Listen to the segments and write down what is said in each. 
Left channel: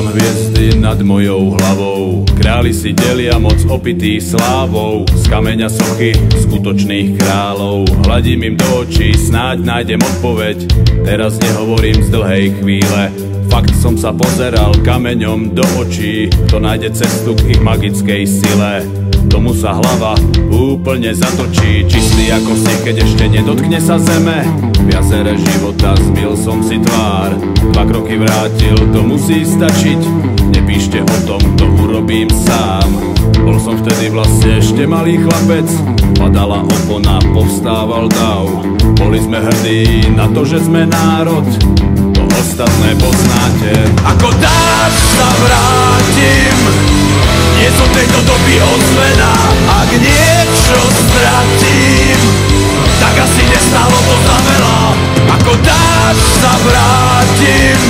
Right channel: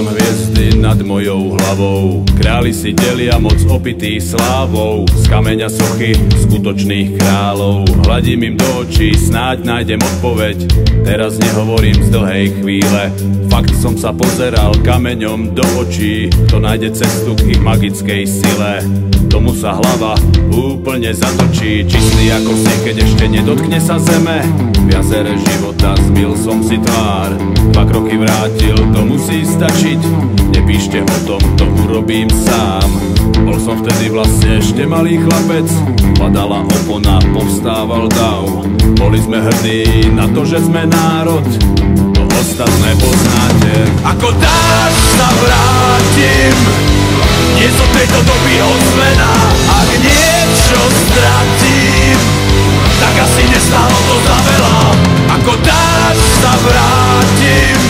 Hľadám hviezdy nad mojou hlavou. Králi si delia moc opitý slávou. Z kameňa sochy skutočných kráľov. Hladím im do očí, snáď nájdem odpoveď. Teraz nehovorím z dlhej chvíle. Fakt som sa pozeral kameňom do očí. Kto nájde cestu k ich magickej sile, tomu sa hlava úplne zatočí. Čistý ako sneh, keď ešte nedotkne sa zeme. V jazere života zmyl som si tvár. 2 kroky vrátil, to musí stačiť. Nepíšte o tom, to urobím sám. Bol som vtedy vlastne ešte malý chlapec. Padala opona, povstával dav. Boli sme hrdí na to, že sme národ. To ostatné poznáte. Ako dáš sa vrátim. Nie som tejto doby ozvená. Ak niečo stratím, tak asi nestálo to za veľa. Ako dáš sa vrátim.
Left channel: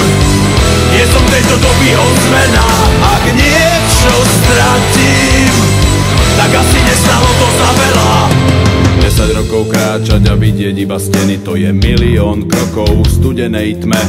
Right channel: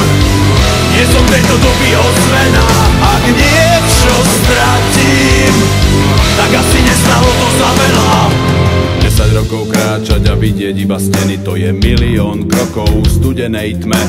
Nie som tejto doby ozvená. Ak niečo stratím, tak asi nestálo to za veľa. 10 rokov kráčať a vidieť iba steny, to je milión krokov v studenej tme.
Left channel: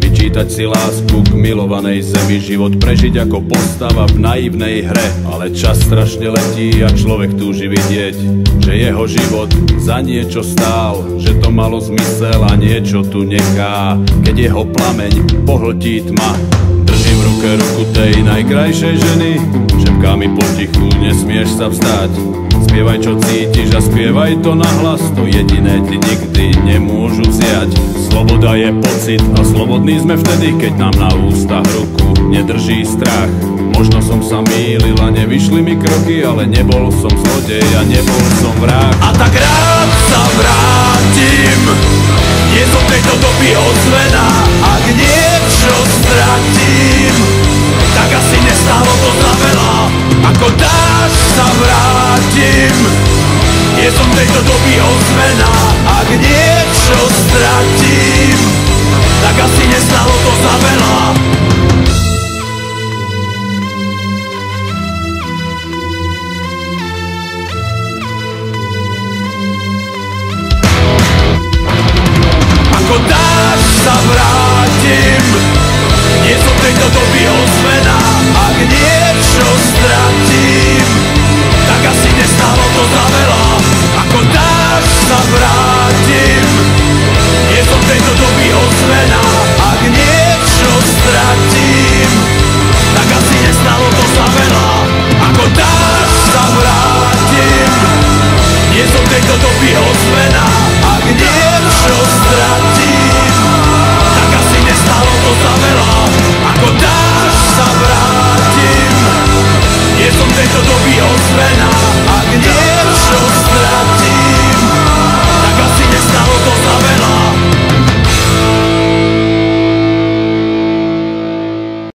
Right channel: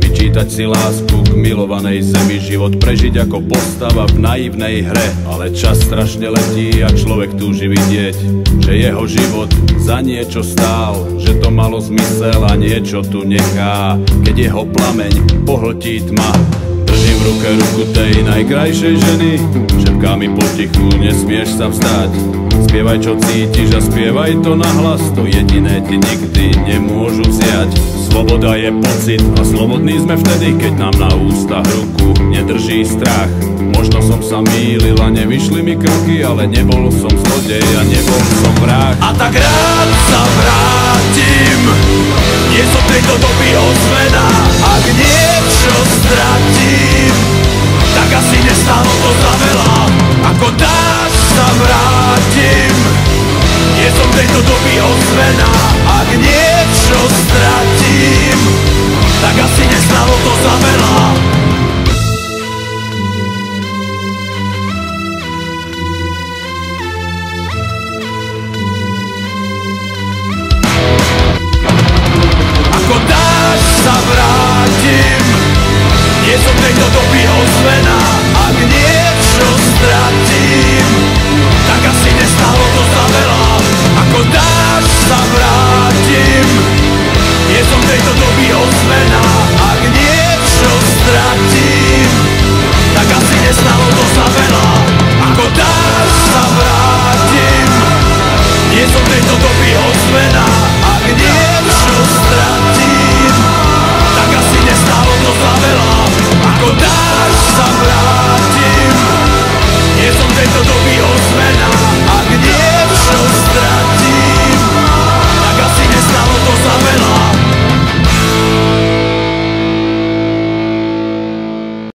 Vyčítať si lásku k milovanej zemi, život prežiť ako postava v naivnej hre. Ale čas strašne letí a človek túži vidieť, že jeho život za niečo stál, že to malo zmysel a niečo tu nechá. Keď jeho plameň pohltí tma, držím v ruke ruku tej najkrajšej ženy. Šepká mi potichu, nesmieš sa vzdať. Spievaj čo cítiš a spievaj to nahlas. To jediné ti nikdy nemôžu vziať. Sloboda je pocit a slobodní sme vtedy, keď nám na ústach ruku nedrží strach. Možno som sa mýlil a nevyšli mi kroky, ale nebol som zlodej a nebol som vrah. A tak rád sa vrátim. Nie som tejto doby ozvená. Ak niečo stratím, tak asi nestálo to za veľa. Ako dáš sa vrátim. Nie som tejto doby ozvená. Ak niečo stratím, tak asi nestálo to za veľa. Ako dáš sa vrátim. Nie som tejto doby ozvená. Ak niečo stratím, tak asi nestálo to za veľa. Ako dáš sa vrátim. Nie som tejto doby ozvená. Ak niečo stratím, tak asi nestálo to za veľa. Ako dáš sa vrátim. Nie som tejto doby ozvená. Ak niečo stratím, tak asi nestálo to za veľa. Ako dáš sa vrátim. Nie som tejto doby ozvená.